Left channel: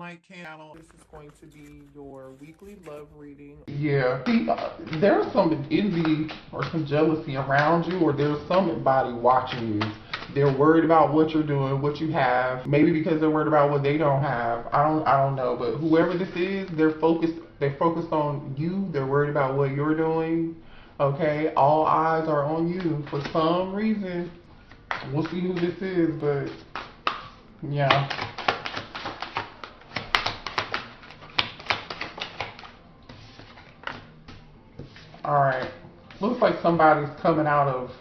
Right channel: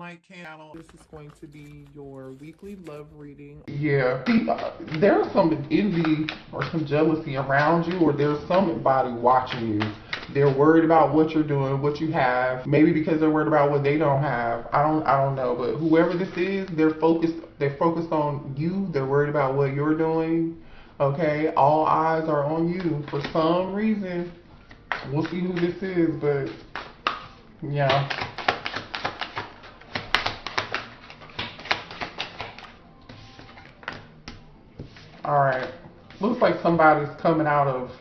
like candle. This is going to be your weekly love reading. Yeah, there's some envy or some jealousy around you, or there's somebody watching you. They're worried about what you're doing, what you have. Maybe because they're worried about what they don't have. I don't know. But whoever this is, they're focused. They're focused on you. They're worried about what you're doing. Okay, all eyes are on you for some reason. We'll see who this is, but yeah. Alright. Looks like somebody's coming out of.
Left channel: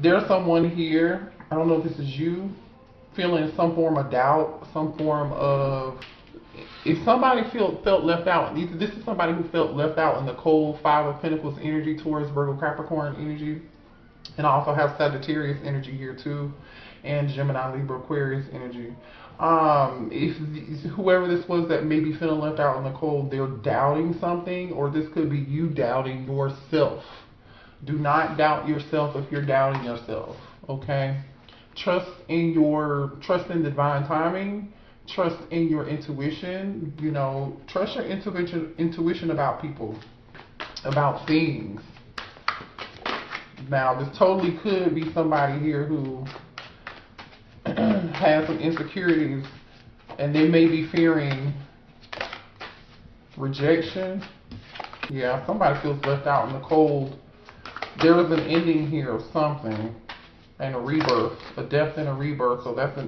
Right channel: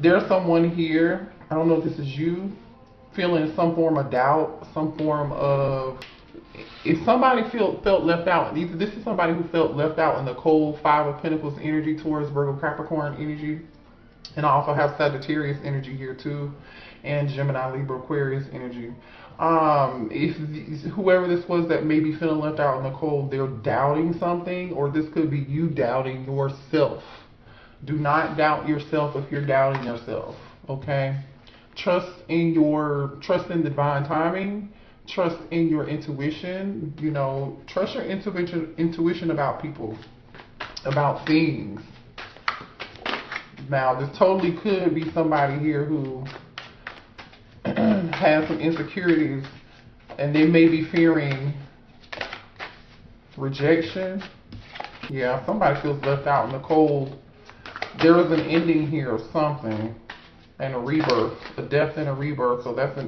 There's someone here. I don't know if this is you. Feeling some form of doubt, some form of. If somebody felt left out, this is somebody who felt left out in the cold Five of Pentacles energy towards Virgo Capricorn energy. And I also have Sagittarius energy here too. And Gemini, Libra, Aquarius energy. If whoever this was that may be feeling left out in the cold, they're doubting something, or this could be you doubting yourself. Do not doubt yourself if you're doubting yourself. Okay? Trust in divine timing. Trust in your intuition. You know, trust your intuition about people, about things. Now, this totally could be somebody here who has some insecurities, and they may be fearing rejection. Yeah, somebody feels left out in the cold. There's an ending here of something, and a rebirth, a death and a rebirth. So that's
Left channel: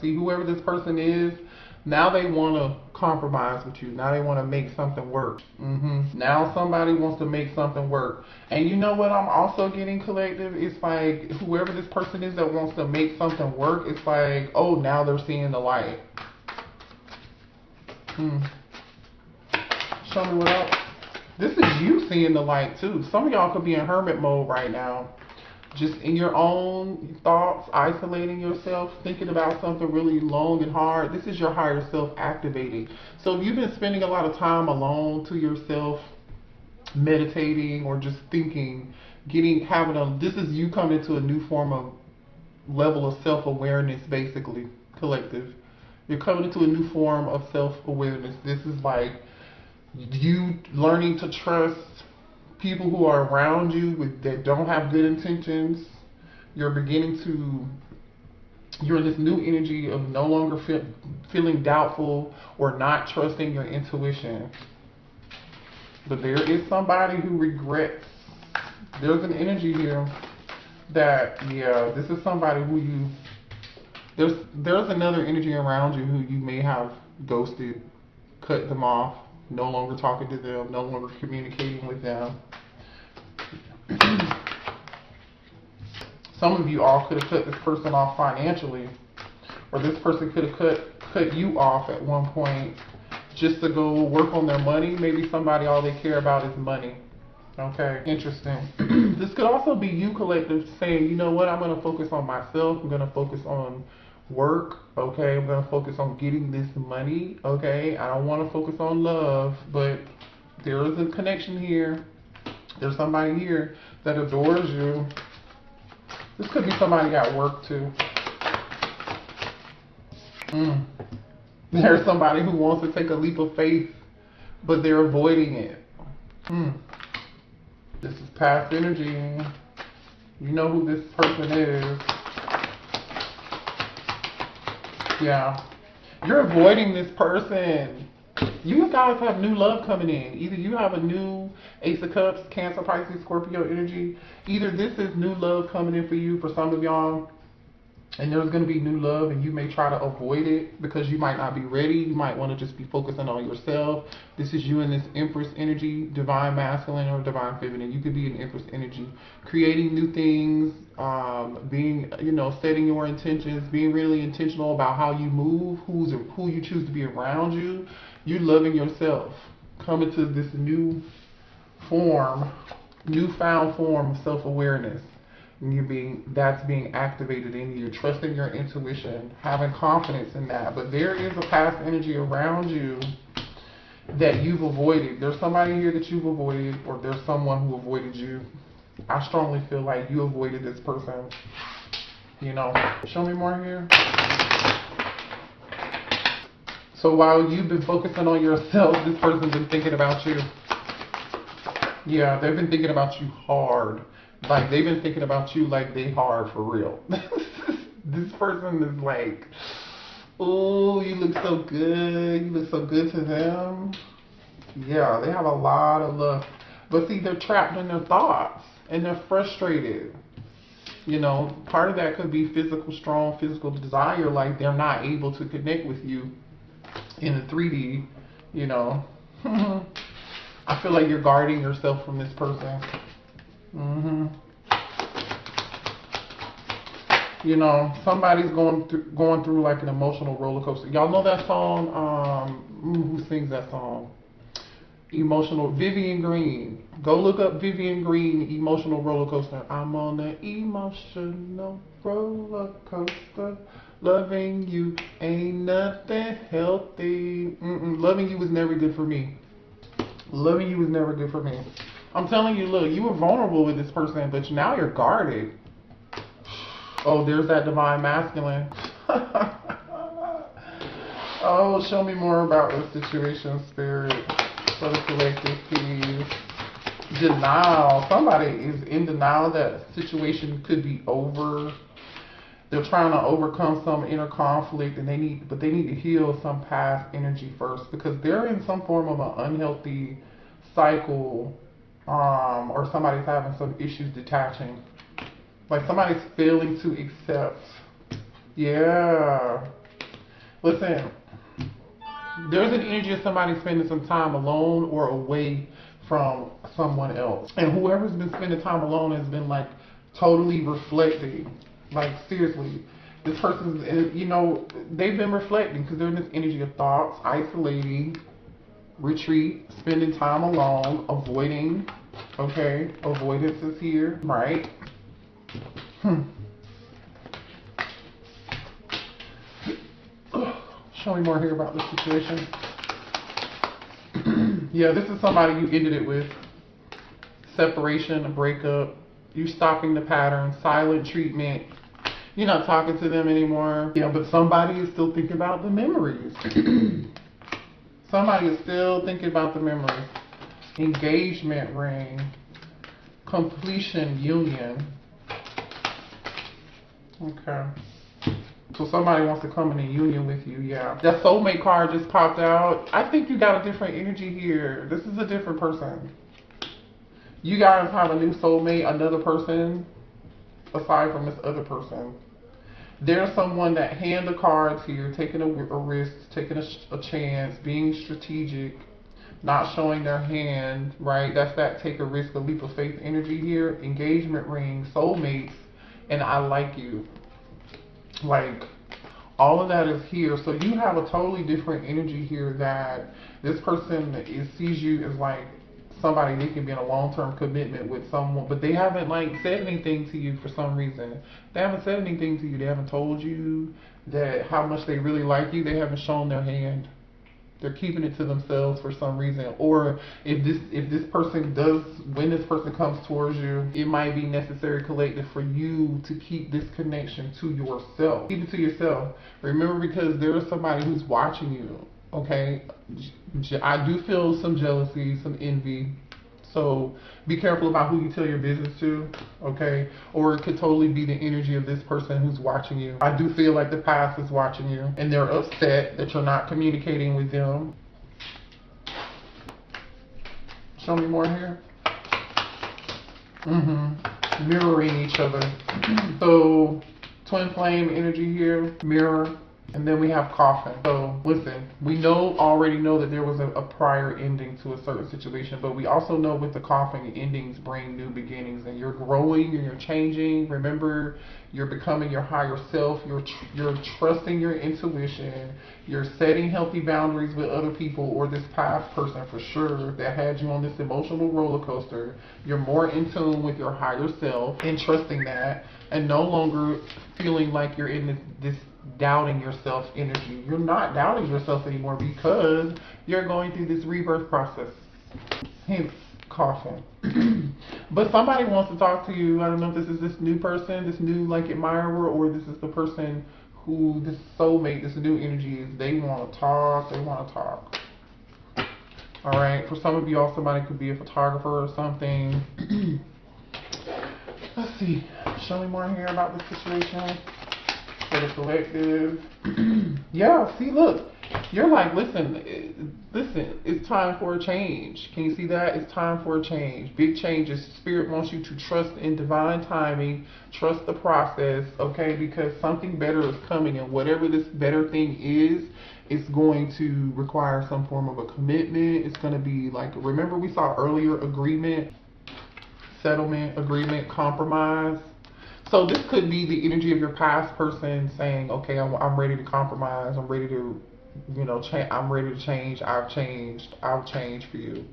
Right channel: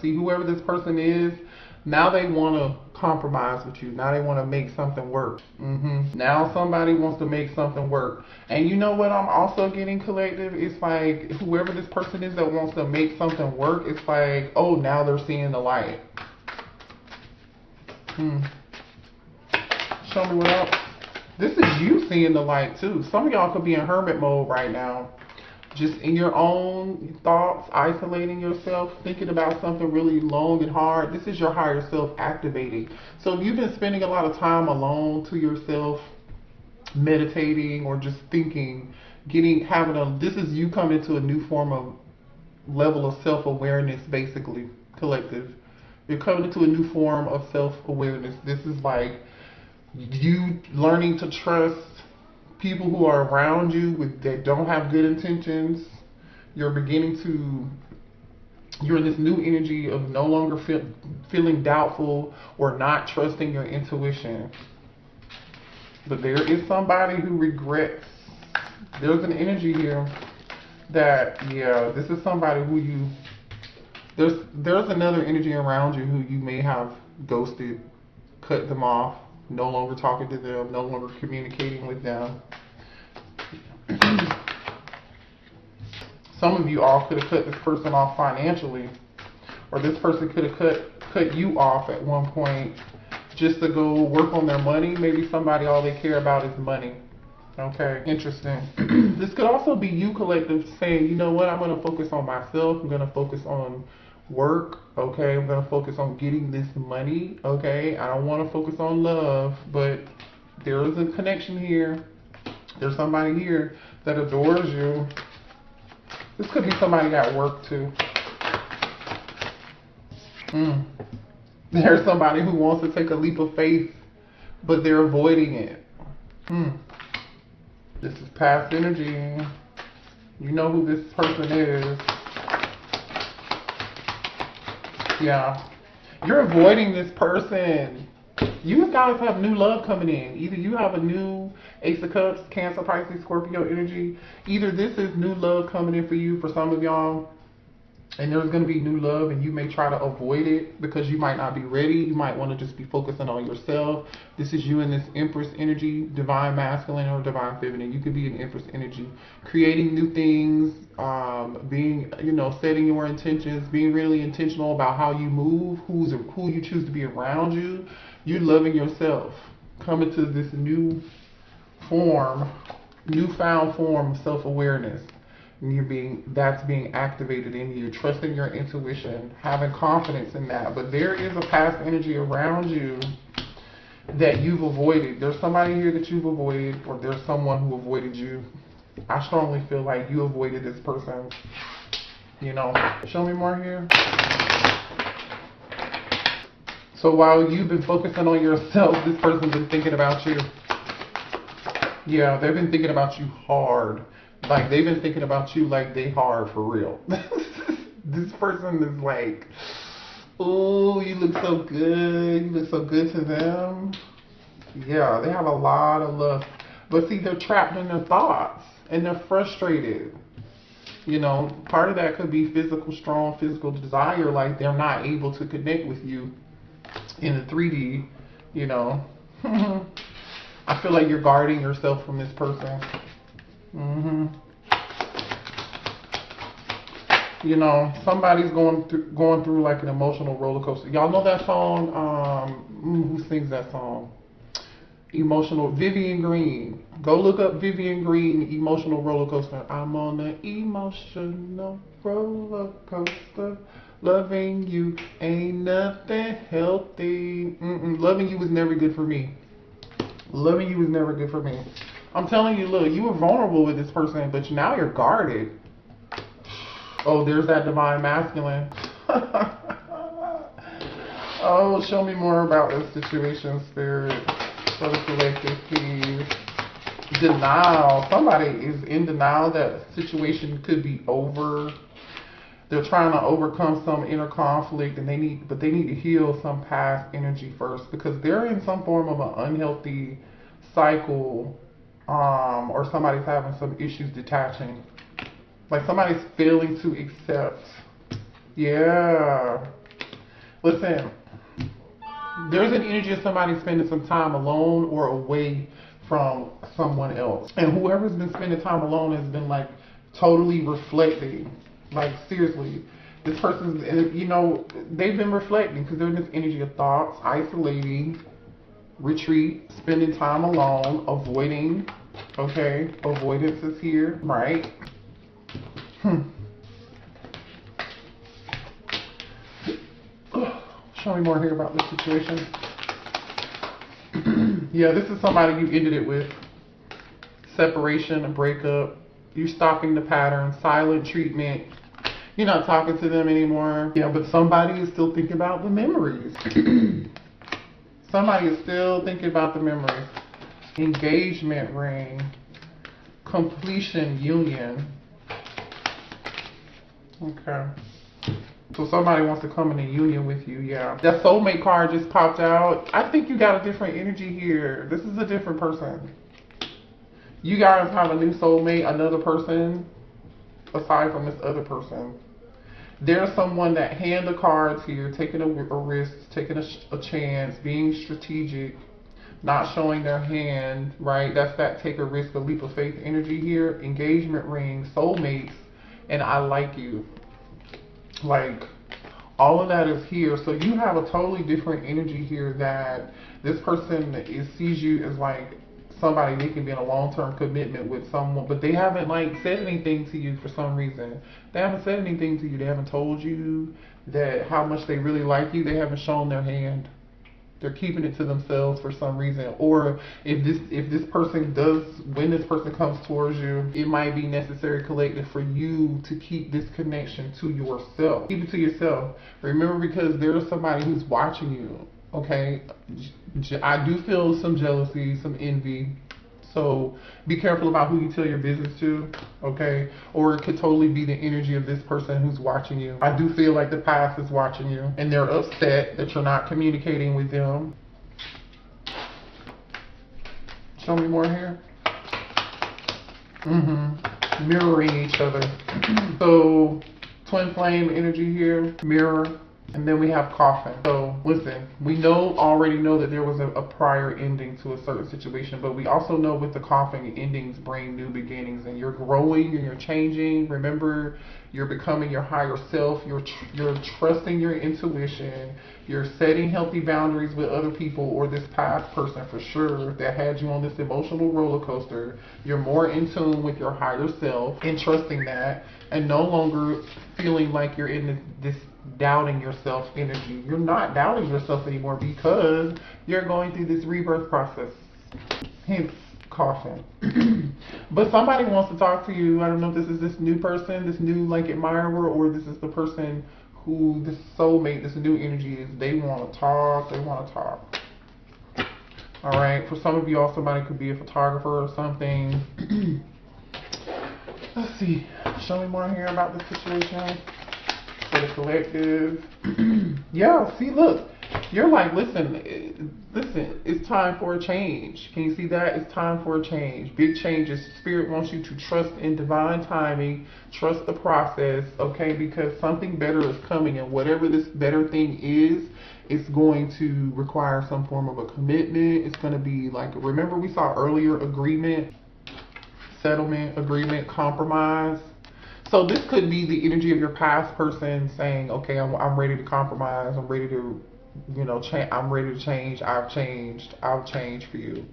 see, whoever this person is, now they want to compromise with you. Now they want to make something work. Now somebody wants to make something work. And you know what I'm also getting, collective? It's like whoever this person is that wants to make something work, it's like, oh, now they're seeing the light. Show me what else. This is you seeing the light too. Some of y'all could be in hermit mode right now. Just in your own thoughts, isolating yourself, thinking about something really long and hard. This is your higher self activating. So if you've been spending a lot of time alone to yourself, meditating or just thinking, this is you coming to a new form of level of self-awareness, basically, collective. You're coming into a new form of self-awareness. This is like you learning to trust people who are around you that don't have good intentions. You're in this new energy of no longer feeling doubtful or not trusting your intuition. But there is somebody who regrets. There's an energy here that, this is somebody who there's another energy around you who you may have ghosted, cut them off, no longer talking to them, no longer communicating with them. Some of you all could have cut this person off financially, or this person could have cut you off at one point just to go work on their money. Maybe somebody all they care about is money. Okay, interesting. This could also be you, collective, saying, you know what, I'm going to focus on myself. I'm going to focus on work. Okay, I'm going to focus on getting this money. Okay, I don't want to focus on love, but there is a connection here. There's somebody here that adores you. This could be somebody at work too. There's somebody who wants to take a leap of faith, but they're avoiding it. This is past energy. You know who this person is. Yeah. You're avoiding this person. You guys have new love coming in. Either you have a new Ace of Cups, Cancer, Pisces, Scorpio energy. Either this is new love coming in for you, for some of y'all, and there's going to be new love, and you may try to avoid it because you might not be ready. You might want to just be focusing on yourself. This is you in this Empress energy, divine masculine or divine feminine. You could be in Empress energy, creating new things, being, setting your intentions, being really intentional about how you move, who you choose to be around you. You're loving yourself, coming to this newfound form of self-awareness. That's being activated in you, trusting your intuition, having confidence in that. But there is a past energy around you that you've avoided. There's somebody here that you've avoided, or there's someone who avoided you. I strongly feel like you avoided this person. Show me more here. So while you've been focusing on yourself, this person's been thinking about you. Yeah, they've been thinking about you hard. Like, they've been thinking about you like they hard for real. This person is like, oh, you look so good. You look so good to them. Yeah, they have a lot of love. But see, they're trapped in their thoughts and they're frustrated. You know, part of that could be strong physical desire. Like, they're not able to connect with you in the 3D, you know. I feel like you're guarding yourself from this person. You know, somebody's going through like an emotional roller coaster. Y'all know that song? Who sings that song? Emotional, Vivian Green. Go look up Vivian Green, Emotional Roller Coaster. I'm on an emotional roller coaster. Loving you ain't nothing healthy. Loving you was never good for me. Loving you was never good for me. I'm telling you, look, you were vulnerable with this person, but now you're guarded. Oh, there's that divine masculine. Oh, show me more about this situation, spirit. Denial. Somebody is in denial that situation could be over. They're trying to overcome some inner conflict, and they need to heal some past energy first, because they're in some form of an unhealthy cycle, or somebody's having some issues detaching. Like, somebody's failing to accept. Yeah. Listen, there's an energy of somebody spending some time alone or away from someone else. And whoever's been spending time alone has been like totally reflecting. Like, seriously, this person's, you know, they've been reflecting because they're in this energy of thoughts, isolating, retreat, spending time alone, avoiding. Okay, avoidance is here, right? Show me more here about this situation. Yeah, this is somebody you ended it with. Separation, a breakup. You're stopping the pattern, silent treatment. You're not talking to them anymore. Yeah, but somebody is still thinking about the memories. Somebody is still thinking about the memories. Engagement ring. Completion union. Okay. So somebody wants to come in a union with you, yeah. The soulmate card just popped out. I think you got a different energy here. This is a different person. You guys have a new soulmate, another person, aside from this other person. There's someone that hand the cards here, taking a risk, taking a chance, being strategic, not showing their hand, right? That's that take a risk, a leap of faith energy here. Engagement ring, soulmates, and I like you. Like, all of that is here. So you have a totally different energy here, that this person sees you as like somebody they can be in a long-term commitment with someone, but they haven't like said anything to you for some reason. They haven't said anything to you. They haven't told you that how much they really like you. They haven't shown their hand. They're keeping it to themselves for some reason. Or if this person does, when this person comes towards you, it might be necessary collective for you to keep this connection to yourself. Keep it to yourself. Remember, because there's somebody who's watching you. Okay, I do feel some jealousy, some envy. So be careful about who you tell your business to, okay? Or it could totally be the energy of this person who's watching you. I do feel like the past is watching you, and they're upset that you're not communicating with them. Show me more here. Mirroring each other. So twin flame energy here, mirror. And then we have coffin. So listen, we already know that there was a prior ending to a certain situation, but we also know with the coffin, endings bring new beginnings, and you're growing and you're changing. Remember, you're becoming your higher self. You're trusting your intuition. You're setting healthy boundaries with other people or this past person for sure that had you on this emotional roller coaster. You're more in tune with your higher self and trusting that, and no longer feeling like you're in this doubting yourself energy. You're not doubting yourself anymore because you're going through this rebirth process. Hence, coffin. But somebody wants to talk to you. I don't know if this is this new person, this new like admirer, or this is the person who this soulmate, this new energy, they want to talk. They want to talk. All right. For some of y'all, somebody could be a photographer or something. Let's see. Show me more here about the situation. For the collective. Yeah. See, look. You're like, listen, it's time for a change. Can you see that? It's time for a change. Big changes. Spirit wants you to trust in divine timing. Trust the process, okay? Because something better is coming, and whatever this better thing is, it's going to require some form of a commitment. It's going to be like, remember we saw earlier, agreement, settlement, agreement, compromise. So this could be the energy of your past person saying, okay, I'm ready to compromise. I'm ready to, I'm ready to change. I've changed for you,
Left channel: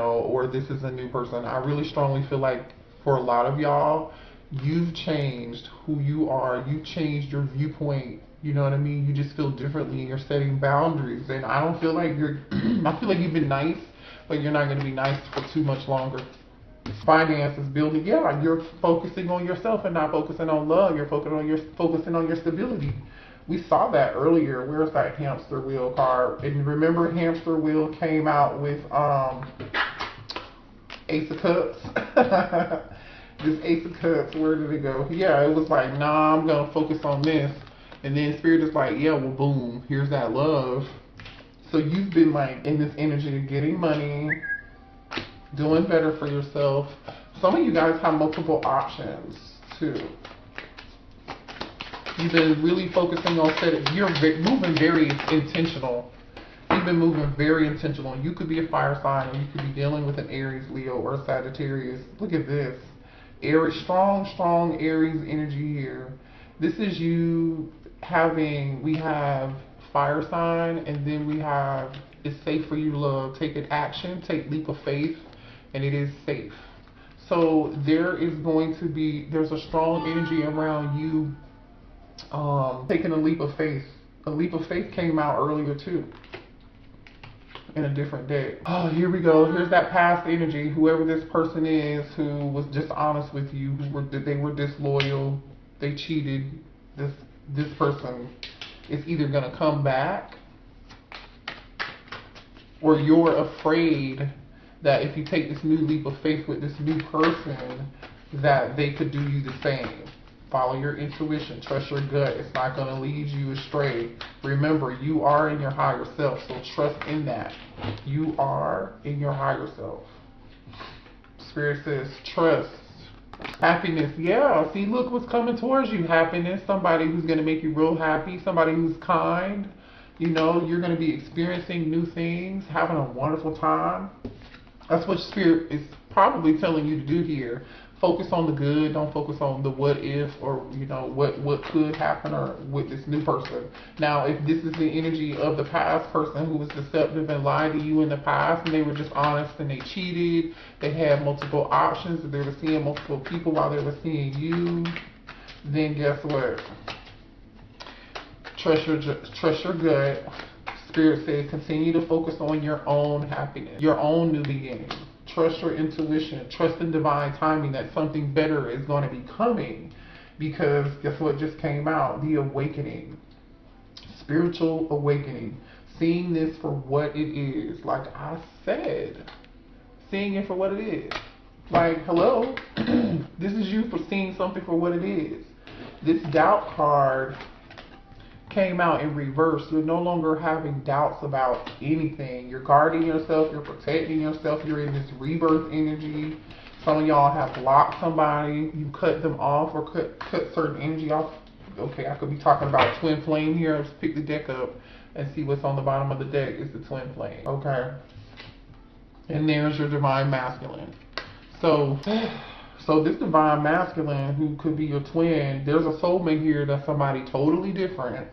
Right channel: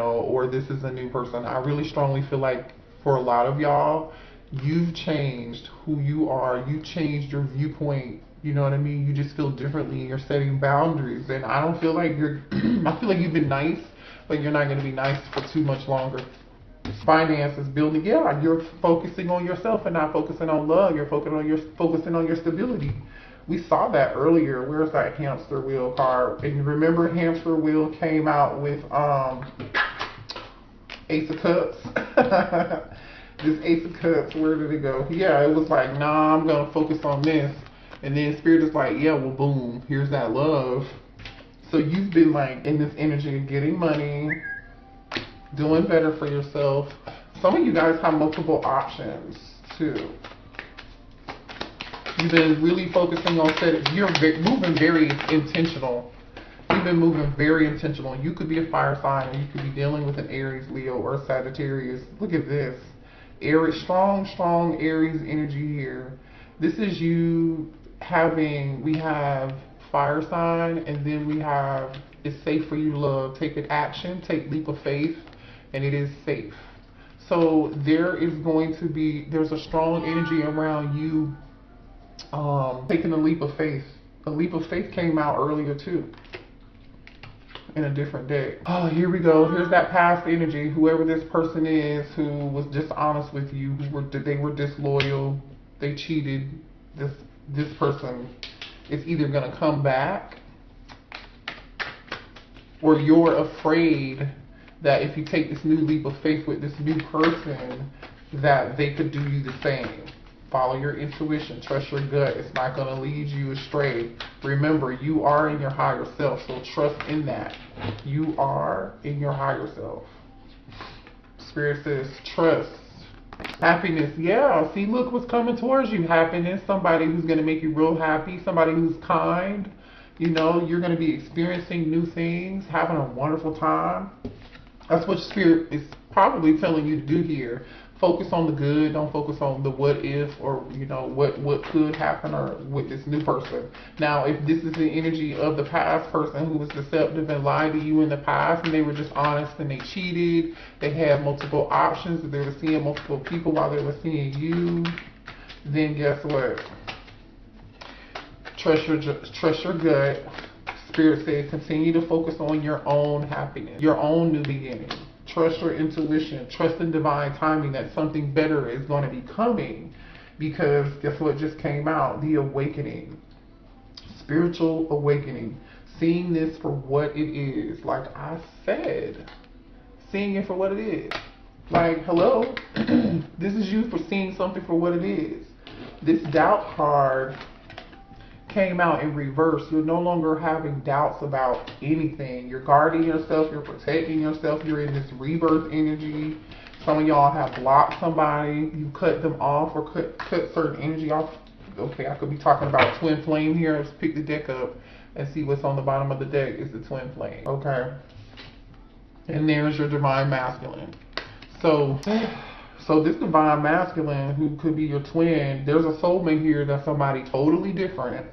or this is a new person. I really strongly feel like for a lot of y'all, you've changed who you are. You've changed your viewpoint. You know what I mean? You just feel differently and you're setting boundaries. And I don't feel like I feel like you've been nice, but you're not going to be nice for too much longer. Finances, building, yeah, you're focusing on yourself and not focusing on love. You're focusing on your stability. We saw that earlier. Where's that hamster wheel card? And remember, hamster wheel came out with Ace of Cups. This Ace of Cups, where did it go? Yeah, it was like, nah, I'm gonna focus on this. And then Spirit is like, yeah, well, boom, here's that love. So you've been like in this energy of getting money, doing better for yourself. Some of you guys have multiple options too. You've been really focusing on setting. You're moving very intentional. You've been moving very intentional. You could be a fire sign. You could be dealing with an Aries, Leo, or Sagittarius. Look at this. Aries, strong Aries energy here. This is you having, we have fire sign, and then we have, it's safe for you to love. Take an action, take leap of faith, and it is safe. So there's a strong energy around you taking a leap of faith. A leap of faith came out earlier too, in a different deck. Oh, here we go. Here's that past energy. Whoever this person is who was dishonest with you, they were disloyal, they cheated. This person is either gonna come back, or you're afraid that if you take this new leap of faith with this new person, that they could do you the same. Follow your intuition, trust your gut. It's not going to lead you astray. Remember, you are in your higher self, so trust in that. You are in your higher self. Spirit says, trust. Happiness, yeah. See, look what's coming towards you. Happiness, somebody who's going to make you real happy, somebody who's kind. You're going to be experiencing new things, having a wonderful time. That's what Spirit is probably telling you to do here. Focus on the good. Don't focus on the what if, or what could happen, or with this new person. Now, if this is the energy of the past person who was deceptive and lied to you in the past, and they were dishonest and they cheated, they had multiple options, and they were seeing multiple people while they were seeing you, then guess what? Trust your gut. Spirit said, continue to focus on your own happiness, your own new beginning. Trust your intuition. Trust in divine timing that something better is going to be coming. Because guess what just came out? The awakening. Spiritual awakening. Seeing this for what it is. Like I said. Seeing it for what it is. Like, hello? This is you for seeing something for what it is. This doubt card came out in reverse. You're no longer having doubts about anything. You're guarding yourself. You're protecting yourself. You're in this rebirth energy. Some of y'all have blocked somebody. You cut them off, or cut certain energy off. Okay, I could be talking about twin flame here. Let's pick the deck up and see what's on the bottom of the deck. It's the twin flame. Okay. And there's your divine masculine. So this divine masculine, who could be your twin, there's a soulmate here that's somebody totally different.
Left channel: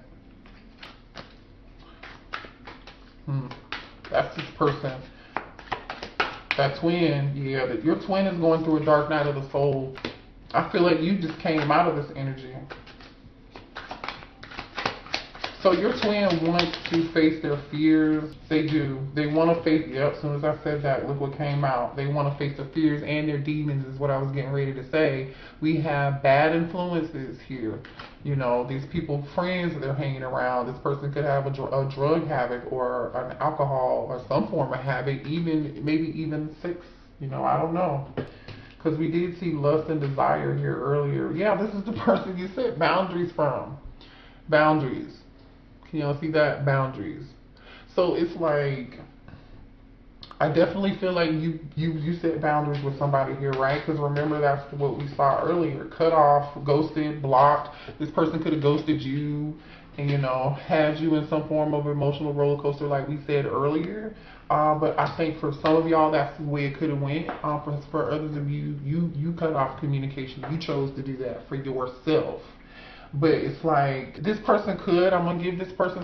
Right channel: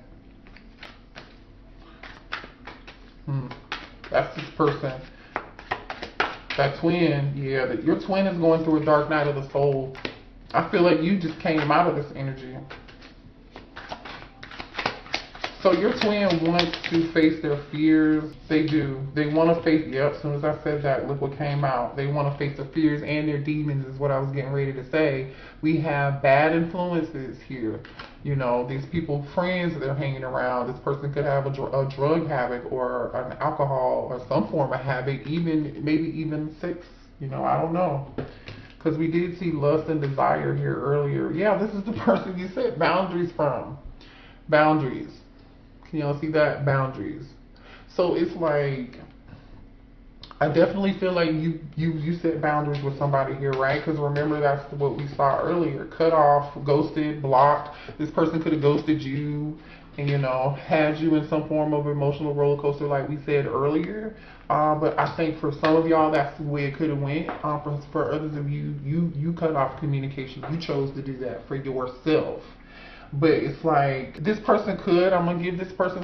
That's this person. That twin, yeah, your twin is going through a dark night of the soul. I feel like you just came out of this energy. So your twin wants to face their fears. They do. They want to face. Yep. As soon as I said that, look what came out. They want to face their fears and their demons. Is what I was getting ready to say. We have bad influences here. You know, these people, friends that they're hanging around. This person could have a drug habit or an alcohol or some form of habit, even maybe even sex. You know, I don't know. Because we did see lust and desire here earlier. Yeah, this is the person you set boundaries from. Boundaries. Can y'all see that? Boundaries. So it's like, I definitely feel like you set boundaries with somebody here, right? Because remember, that's what we saw earlier. Cut off, ghosted, blocked. This person could have ghosted you and, you know, had you in some form of emotional roller coaster like we said earlier. But I think for some of y'all, that's the way it could have went. For others of you, you cut off communication. You chose to do that for yourself. But it's like, this person could, I'm going to give this person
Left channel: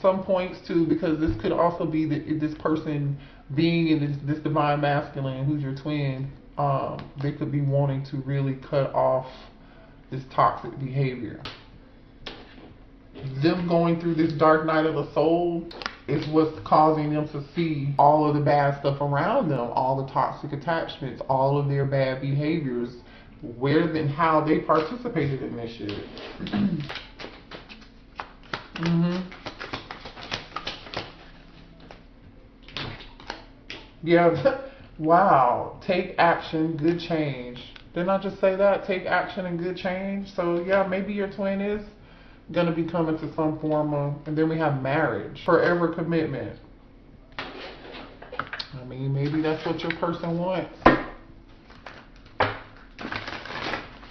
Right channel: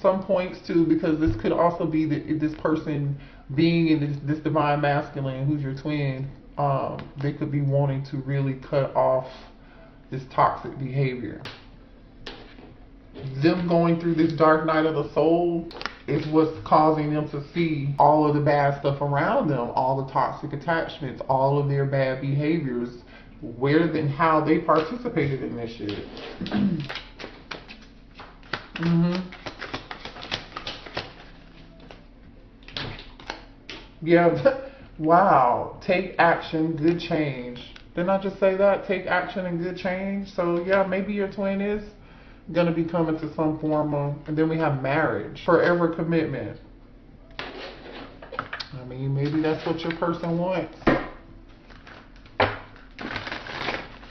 some points too, because this could also be this person being in this divine masculine, who's your twin, they could be wanting to really cut off this toxic behavior. Them going through this dark night of the soul is what's causing them to see all of the bad stuff around them, all the toxic attachments, all of their bad behaviors, where and how they participated in this shit. Yeah. Wow. Take action, good change. Didn't I just say that? Take action and good change. So yeah, maybe your twin is gonna be coming to some form of, and then we have marriage, forever commitment. I mean, maybe that's what your person wants.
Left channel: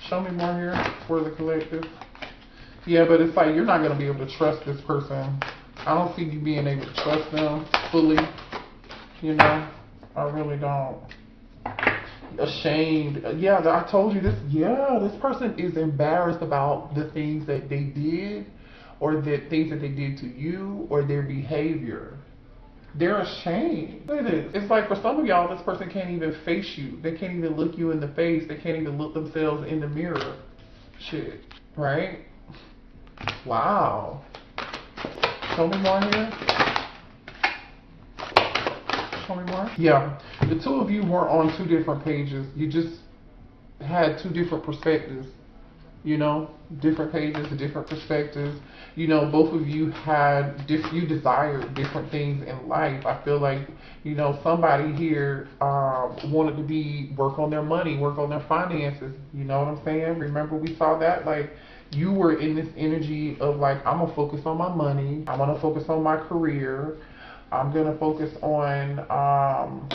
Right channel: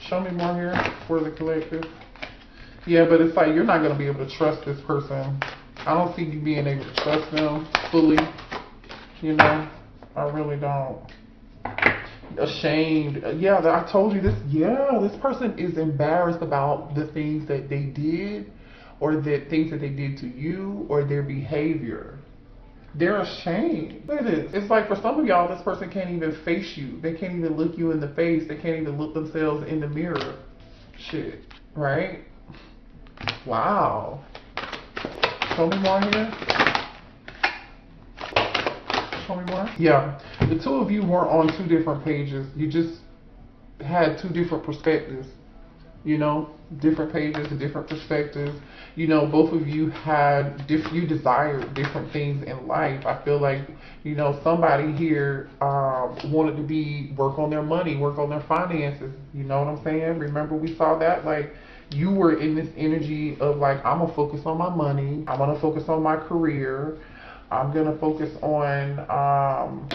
Show me more here for the collective. Yeah, but it's like you're not gonna be able to trust this person. I don't see you being able to trust them fully. You know, I really don't. Ashamed. Yeah, I told you this. Yeah, this person is embarrassed about the things that they did, or the things that they did to you, or their behavior. They're ashamed. Look at this. It's like for some of y'all, this person can't even face you. They can't even look you in the face. They can't even look themselves in the mirror. Shit. Right? Wow. Show me more here. Show me more. Yeah. The two of you were on two different pages. You just had two different perspectives. You know, different pages, different perspectives. You know, both of you had you desired different things in life. I feel like, you know, somebody here wanted to work on their money, work on their finances. You know what I'm saying? Remember we saw that? Like, you were in this energy of like, I'm gonna focus on my money. I'm gonna focus on my career. I'm gonna focus on,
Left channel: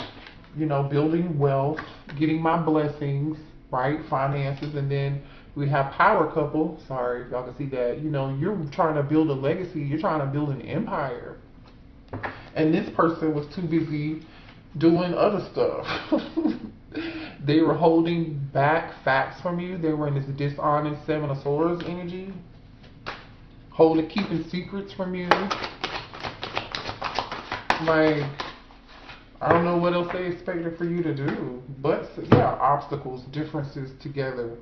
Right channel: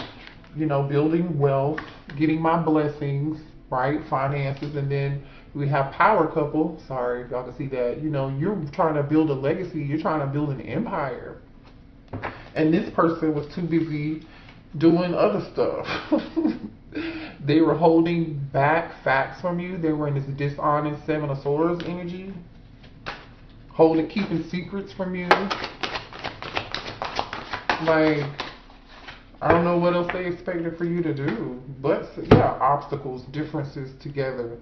you know, building wealth, getting my blessings, right? Finances, and then we have power couple. Sorry if y'all can see that. You know, you're trying to build a legacy. You're trying to build an empire. And this person was too busy doing other stuff. They were holding back facts from you. They were in this dishonest Seven of Swords energy. Keeping secrets from you. Like, I don't know what else they expected for you to do, but yeah, obstacles, differences together.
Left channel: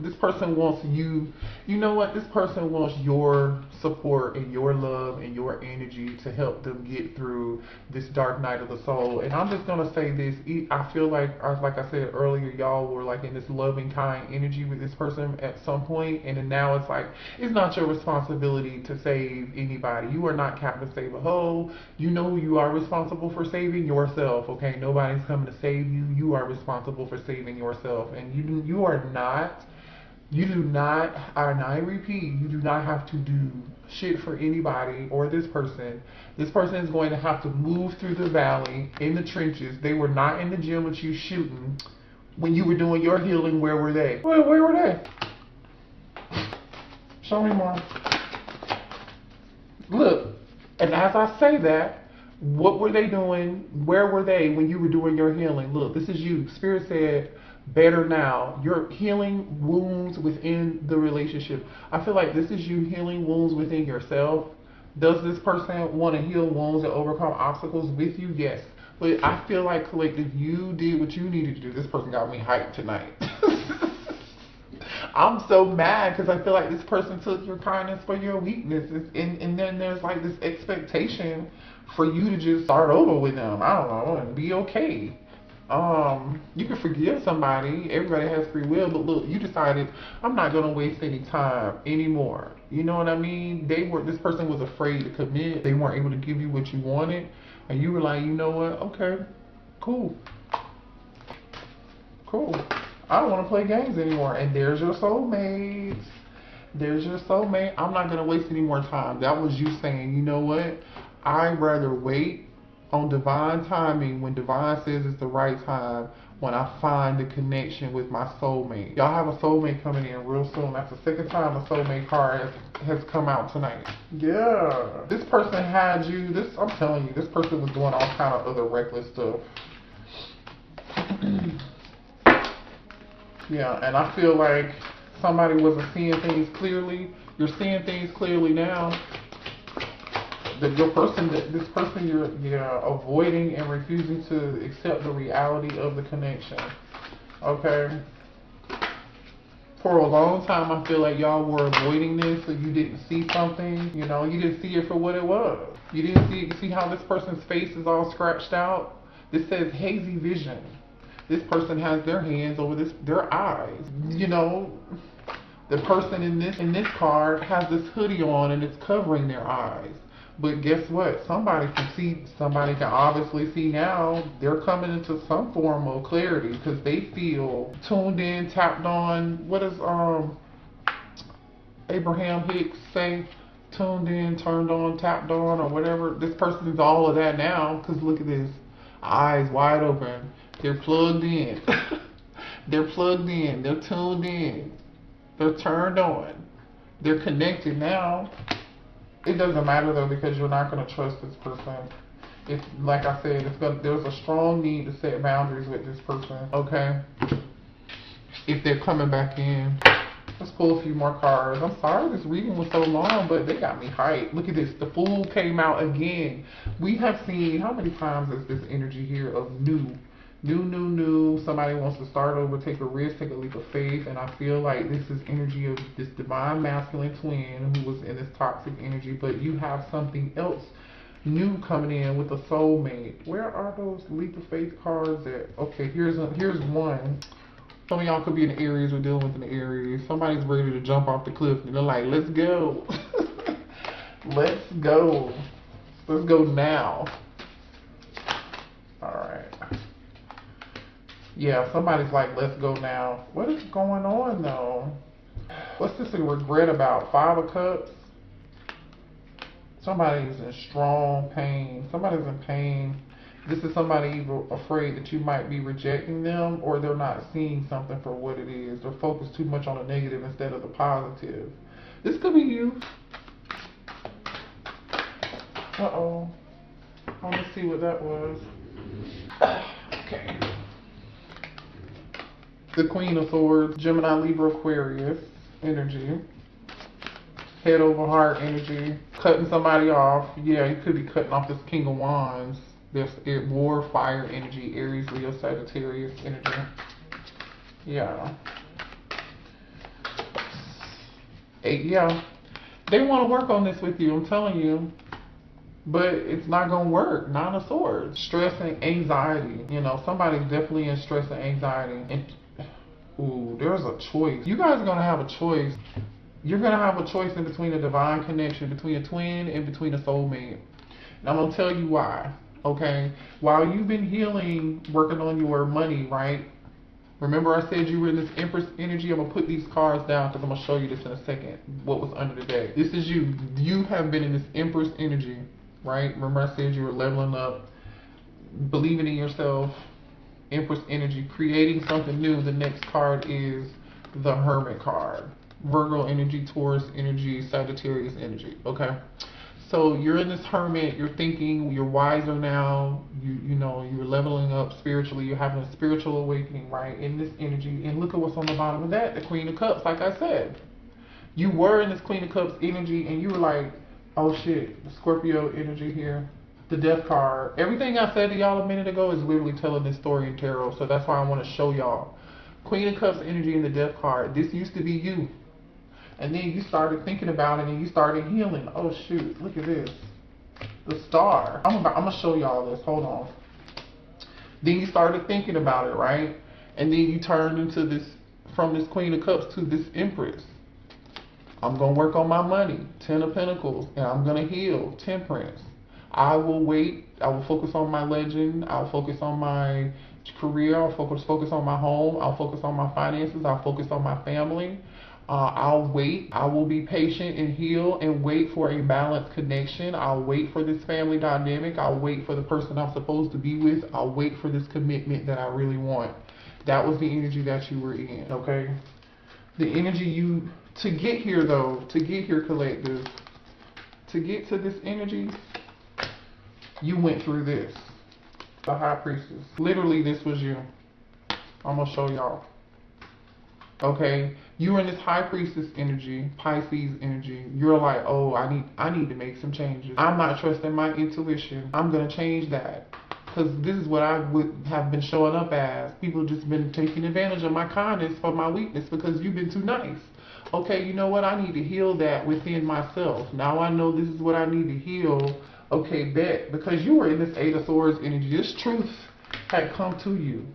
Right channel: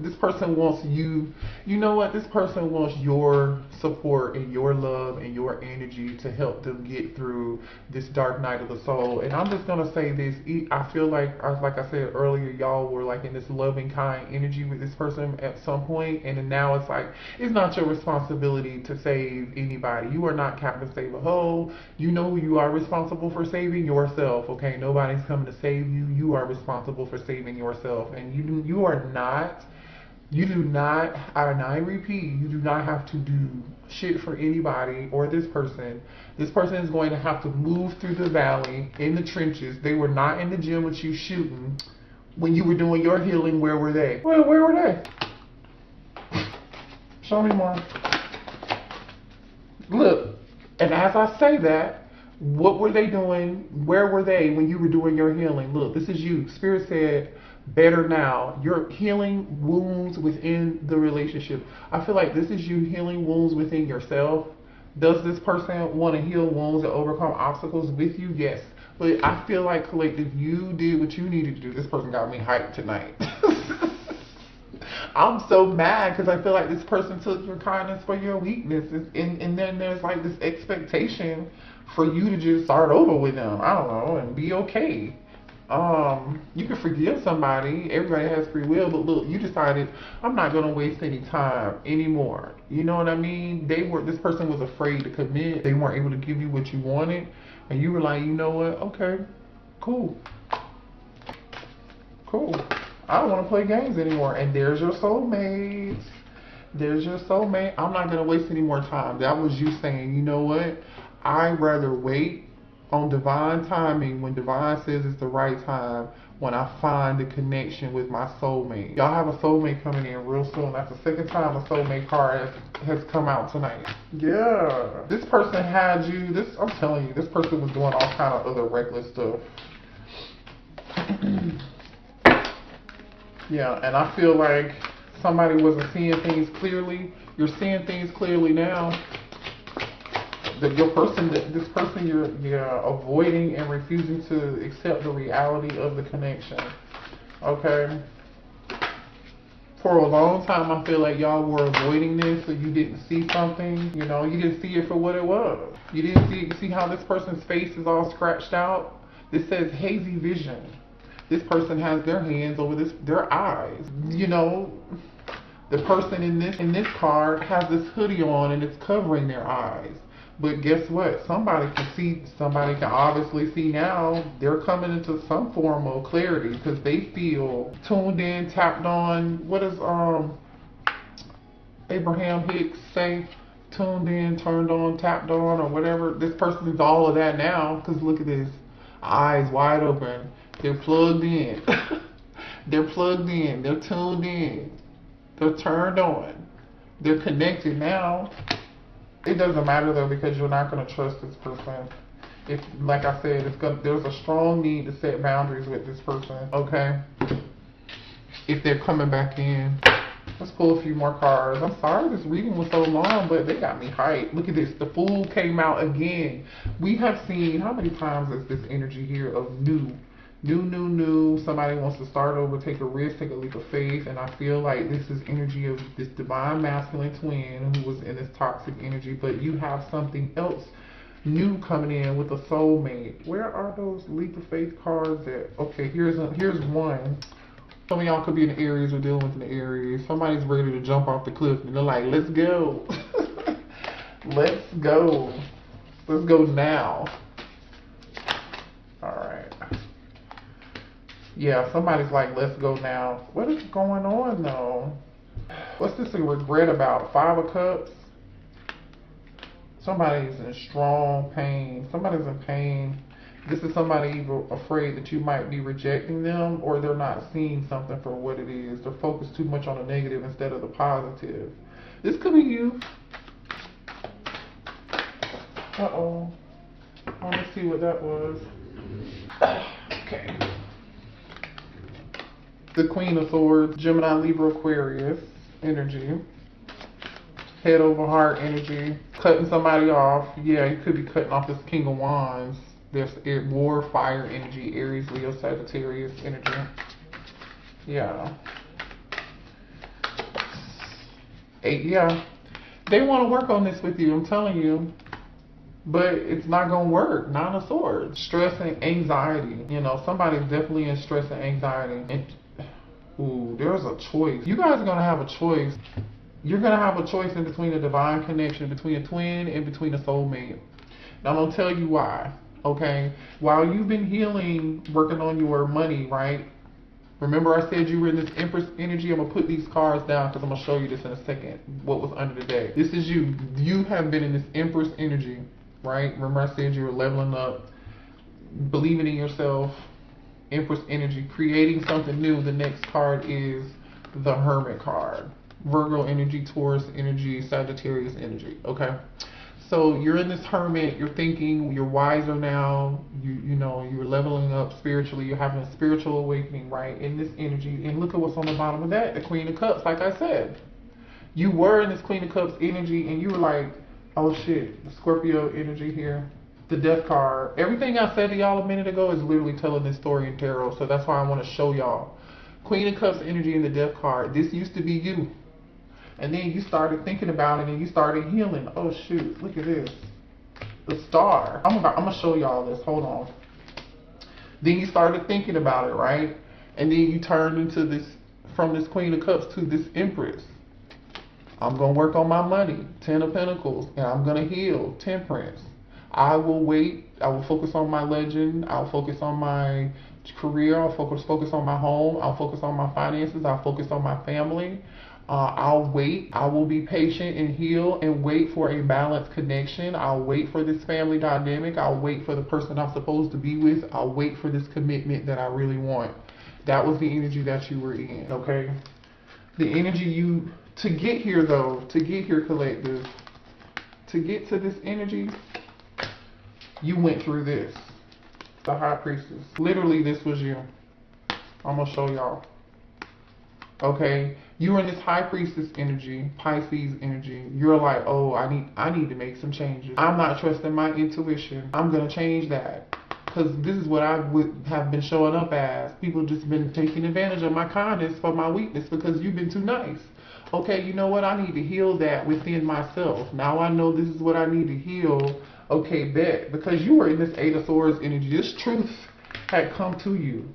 This person wants you know what? This person wants your support and your love and your energy to help them get through this dark night of the soul. And I'm just gonna say this, I feel like I said earlier, y'all were like in this loving, kind energy with this person at some point, and then now it's like, it's not your responsibility to save anybody. You are not Captain Save a Ho. You know you are responsible for saving yourself, okay? Nobody's coming to save you. You are responsible for saving yourself. And I repeat, you do not have to do shit for anybody or this person. This person is going to have to move through the valley, in the trenches. They were not in the gym with you shooting. When you were doing your healing, where were they? Well, where were they? Show me more. Look, and as I say that, what were they doing? Where were they when you were doing your healing? Look, this is you. Spirit said, better now. You're healing wounds within the relationship. I feel like this is you healing wounds within yourself. Does this person want to heal wounds and overcome obstacles with you? Yes. But I feel like, collective, you did what you needed to do. This person got me hyped tonight. I'm so mad because I feel like this person took your kindness for your weakness, and then there's like this expectation for you to just start over with them. I don't know, and be okay. You can forgive somebody. Everybody has free will, but look, you decided I'm not gonna waste any time anymore. You know what I mean? This person was afraid to commit. They weren't able to give you what you wanted, and you were like, you know what? Okay, cool. Cool. I don't want to play games anymore. And there's your soulmate. There's your soulmate. I'm not going to waste any more time. That was you saying, you know what? I'd rather wait on divine timing when divine says it's the right time when I find the connection with my soulmate. Y'all have a soulmate coming in real soon. That's the second time a soulmate card has come out tonight. Yeah. This person had you. I'm telling you, this person was doing all kind of other reckless stuff. Yeah, and I feel like somebody wasn't seeing things clearly. You're seeing things clearly now. This person you're avoiding and refusing to accept the reality of the connection. Okay? For a long time, I feel like y'all were avoiding this, so you didn't see something. You know, you didn't see it for what it was. You didn't see it. You see how this person's face is all scratched out? This says hazy vision. This person has their hands over their eyes. You know, the person in this card has this hoodie on and it's covering their eyes. But guess what? Somebody can obviously see now. They're coming into some form of clarity because they feel tuned in, tapped on. What does Abraham Hicks say? Tuned in, turned on, tapped on, or whatever. This person's all of that now because look at this. Eyes wide open. They're plugged in. They're plugged in. They're tuned in. They're turned on. They're connected now. It doesn't matter though because you're not going to trust this person. If, like I said, there's a strong need to set boundaries with this person. Okay. If they're coming back in. Let's pull a few more cards. I'm sorry this reading was so long, but they got me hyped. Look at this. The Fool came out again. We have seen, how many times is this energy here of new? Somebody wants to start over, take a risk, take a leap of faith. And I feel like this is energy of this divine masculine twin who was in this toxic energy. But you have something else new coming in with a soulmate. Where are those leap of faith cards at? Okay, here's one. Some of y'all could be in the Aries or dealing with the Aries. Somebody's ready to jump off the cliff and they're like, let's go. Let's go. Let's go now. Alright. Yeah, somebody's like, let's go now. What is going on though? What's this a regret about? 5 of Cups? Somebody's in strong pain. Somebody's in pain. This is somebody afraid that you might be rejecting them or they're not seeing something for what it is. They're focused too much on the negative instead of the positive. This could be you. Uh-oh. Let me see what that was. Okay. The Queen of Swords, Gemini, Libra, Aquarius energy. Head over heart energy. Cutting somebody off. Yeah, you could be cutting off this King of Wands. There's more fire energy, Aries, Leo, Sagittarius energy. Yeah. Yeah. They want to work on this with you, I'm telling you. But it's not going to work. 9 of Swords. Stress and anxiety. You know, somebody's definitely in stress and anxiety. And, ooh, there's a choice. You guys are going to have a choice. You're going to have a choice in between a divine connection, between a twin and between a soulmate. Now, I'm going to tell you why. Okay, while you've been healing, working on your money, right? Remember I said you were in this Empress energy? I'm going to put these cards down because I'm going to show you this in a second. What was under the deck. This is you. You have been in this Empress energy, right? Remember I said you were leveling up, believing in yourself, Empress energy, creating something new. The next card is the Hermit card. Virgo energy, Taurus energy, Sagittarius energy, okay? So you're in this hermit, you're thinking, you're wiser now, you know, you're leveling up spiritually, you're having a spiritual awakening, right, in this energy. And look at what's on the bottom of that, the Queen of Cups, like I said. You were in this Queen of Cups energy and you were like, oh shit, Scorpio energy here, the Death card. Everything I said to y'all a minute ago is literally telling this story in tarot, so that's why I want to show y'all. Queen of Cups energy in the Death card. This used to be you. And then you started thinking about it and you started healing. Oh shoot, look at this. The Star. I'm gonna show y'all this. Hold on. Then you started thinking about it, right? And then you turned into this, from this Queen of Cups to this Empress. I'm gonna work on my money. 10 of Pentacles. And I'm gonna heal. Temperance. I will wait. I will focus on my legend. I'll focus on my career. I'll focus on my home. I'll focus on my finances. I'll focus on my family. I'll wait. I will be patient and heal and wait for a balanced connection. I'll wait for this family dynamic. I'll wait for the person I'm supposed to be with. I'll wait for this commitment that I really want. That was the energy that you were in, okay? The energy you, to get here though, to get here, collective, to get to this energy, you went through this. The High Priestess. Literally, this was you. I'm gonna show y'all. Okay? You in this High Priestess energy, Pisces energy, you're like, oh, I need to make some changes. I'm not trusting my intuition. I'm gonna change that. Because this is what I would have been showing up as. People just been taking advantage of my kindness for my weakness because you've been too nice. Okay, you know what? I need to heal that within myself. Now I know this is what I need to heal. Okay, bet. Because you were in this Eight of Swords energy. This truth had come to you.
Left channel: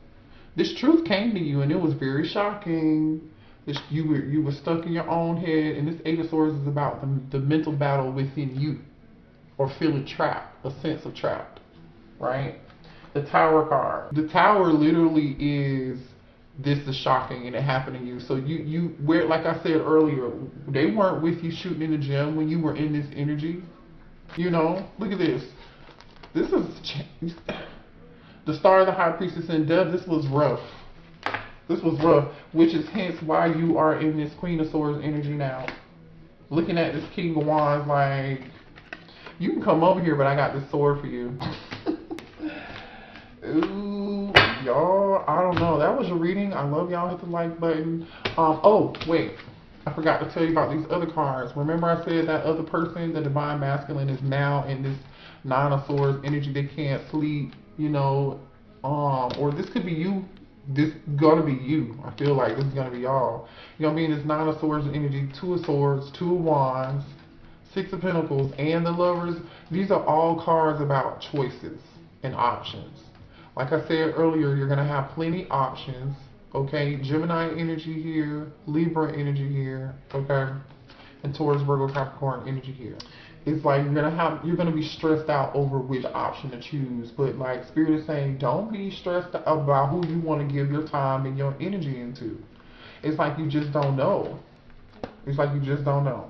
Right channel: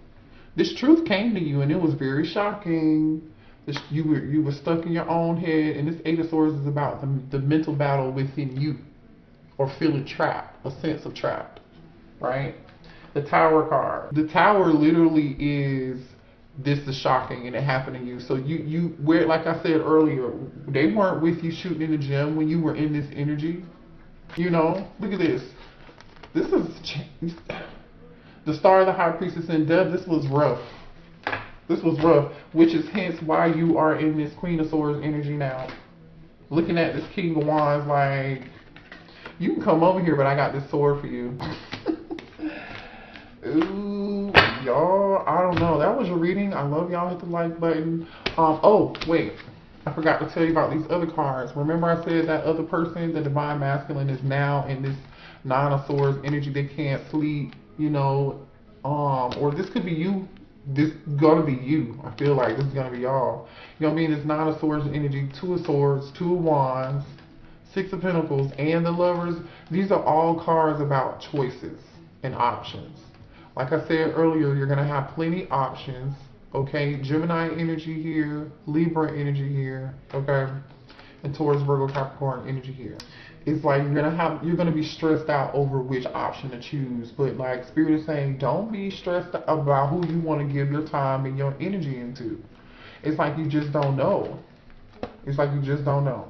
This truth came to you and it was very shocking. You were stuck in your own head, and this Eight of Swords is about the mental battle within you, or feeling trapped, a sense of trapped, right? The Tower card. The Tower literally is, this is shocking and it happened to you. So you where, like I said earlier, they weren't with you shooting in the gym when you were in this energy. You know, look at this. This is the Star of the High Priestess in Death. This was rough. This was rough, which is hence why you are in this Queen of Swords energy now. Looking at this King of Wands, like, you can come over here, but I got this sword for you. Ooh, y'all, I don't know. That was your reading. I love y'all. Hit the like button. Oh, wait. I forgot to tell you about these other cards. Remember I said that other person, the Divine Masculine, is now in this Nine of Swords energy. They can't sleep, you know, or this could be you. This is gonna be you. I feel like this is gonna be y'all. You're gonna be in this Nine of Swords energy, Two of Swords, Two of Wands, Six of Pentacles, and the Lovers. These are all cards about choices and options. Like I said earlier, you're gonna have plenty options. Okay, Gemini energy here, Libra energy here, okay, and Taurus, Virgo, Capricorn energy here. It's like you're gonna be stressed out over which option to choose. But like Spirit is saying, don't be stressed about who you want to give your time and your energy into. It's like you just don't know. It's like you just don't know.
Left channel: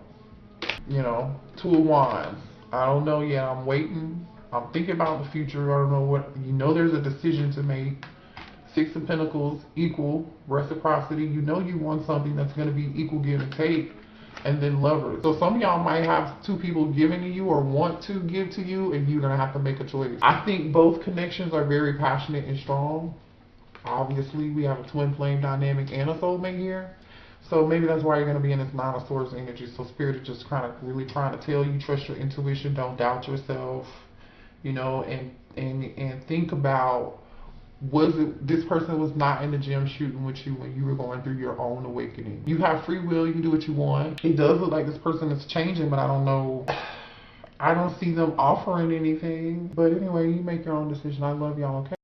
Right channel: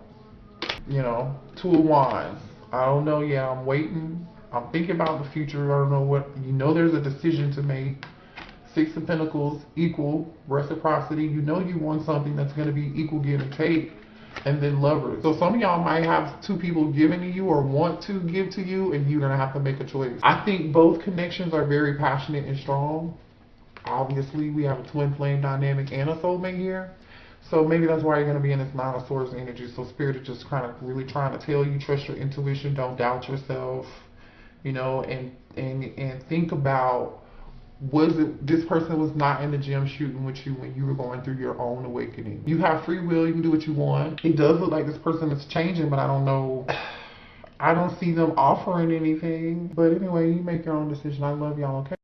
You know, Two of Wands. I don't know yet. I'm waiting. I'm thinking about the future. I don't know what. You know, there's a decision to make. Six of Pentacles, equal reciprocity. You know you want something that's going to be equal give and take. And then Lovers. So some of y'all might have two people giving to you or want to give to you, and you're going to have to make a choice. I think both connections are very passionate and strong. Obviously, we have a twin flame dynamic and a soulmate here. So maybe that's why you're going to be in this Nine of Swords energy. So Spirit is just kind of really trying to tell you, trust your intuition, don't doubt yourself, you know, and think about, was it this person was not in the gym shooting with you when you were going through your own awakening? You have free will, you can do what you want. It does look like this person is changing, but I don't know. I don't see them offering anything. But anyway, you make your own decision. I love y'all, okay?